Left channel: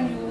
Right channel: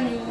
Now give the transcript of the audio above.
Amen.